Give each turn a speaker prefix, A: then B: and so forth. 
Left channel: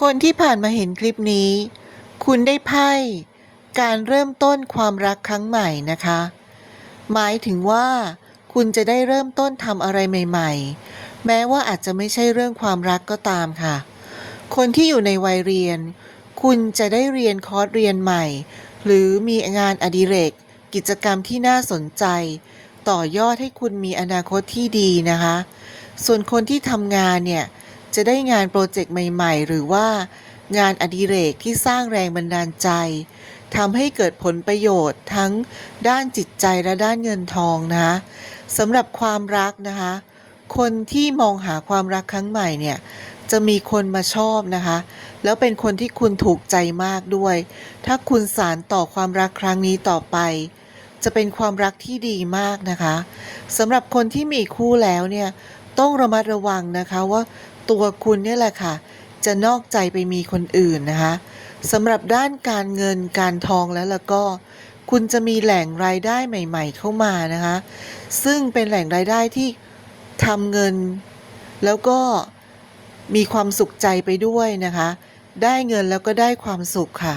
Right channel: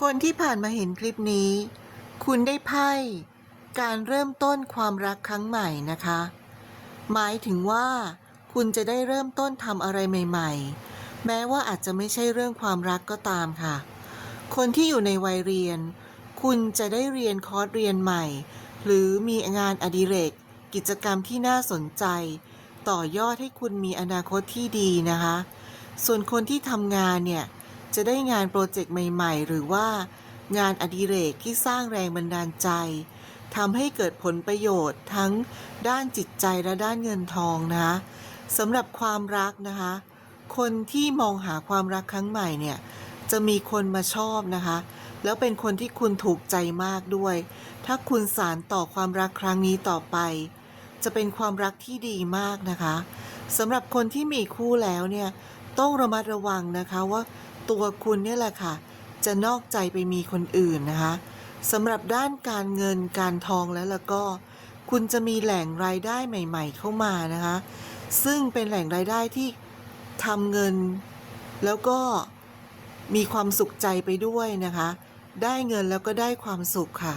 A: คนที่ผ่านมาเห็นคลิปนี้ คุณได้ไพ่การเริ่มต้นความรักครั้งใหม่นะคะ หมายถึงว่า คุณจะได้เริ่มต้นทำอะไรใหม่ ๆ แม้ว่าอาจจะไม่ใช่เรื่องความรักก็ตามค่ะ คนที่อยู่ในวัยเรียน คุณจะได้เรียนคอร์สเรียนใหม่ หรือมีงานอดิเรก กิจกรรมที่น่าสนใจ ต่อยอดให้คุณมีอนาคตที่ดีนะคะ ส่วนคนที่ทำงานเนี่ย จะได้งานโปรเจกต์ใหม่ ๆ หรือว่างานอดิเรกที่สร้างแรงบันดาลใจทำให้เกิดผลประโยชน์ทั้งด้านจิตใจและด้านเงินทองนะคะสำหรับความรักนะคะ คนที่มองหาความรักครั้งใหม่เนี่ยจะมีคนมาชอบนะคะ แล้วเป็นคนที่คุณถูกใจมากด้วย ถ้าคุณสารต่อความรักครั้งนี้ต่อไป จะเป็นความรักที่ดีมากนะคะสำหรับคนที่มีคู่แล้วเนี่ย ต้องระมัดระวังนะคะว่าตัวคุณเนี่ยแหละค่ะ จะนอกใจไปมีคนอื่นนะคะสำหรับด้านการเงินการทองแล้วแล้วก็ คุณจะมีแหล่งรายได้ใหม่ ๆ เข้ามานะคะ ซึ่งเป็นแหล่งรายได้ที่ทำเงิน แล้วก็มีความสุขใจไปด้วยนะคะ ได้เงินแล้วก็ได้ความสุขค่ะ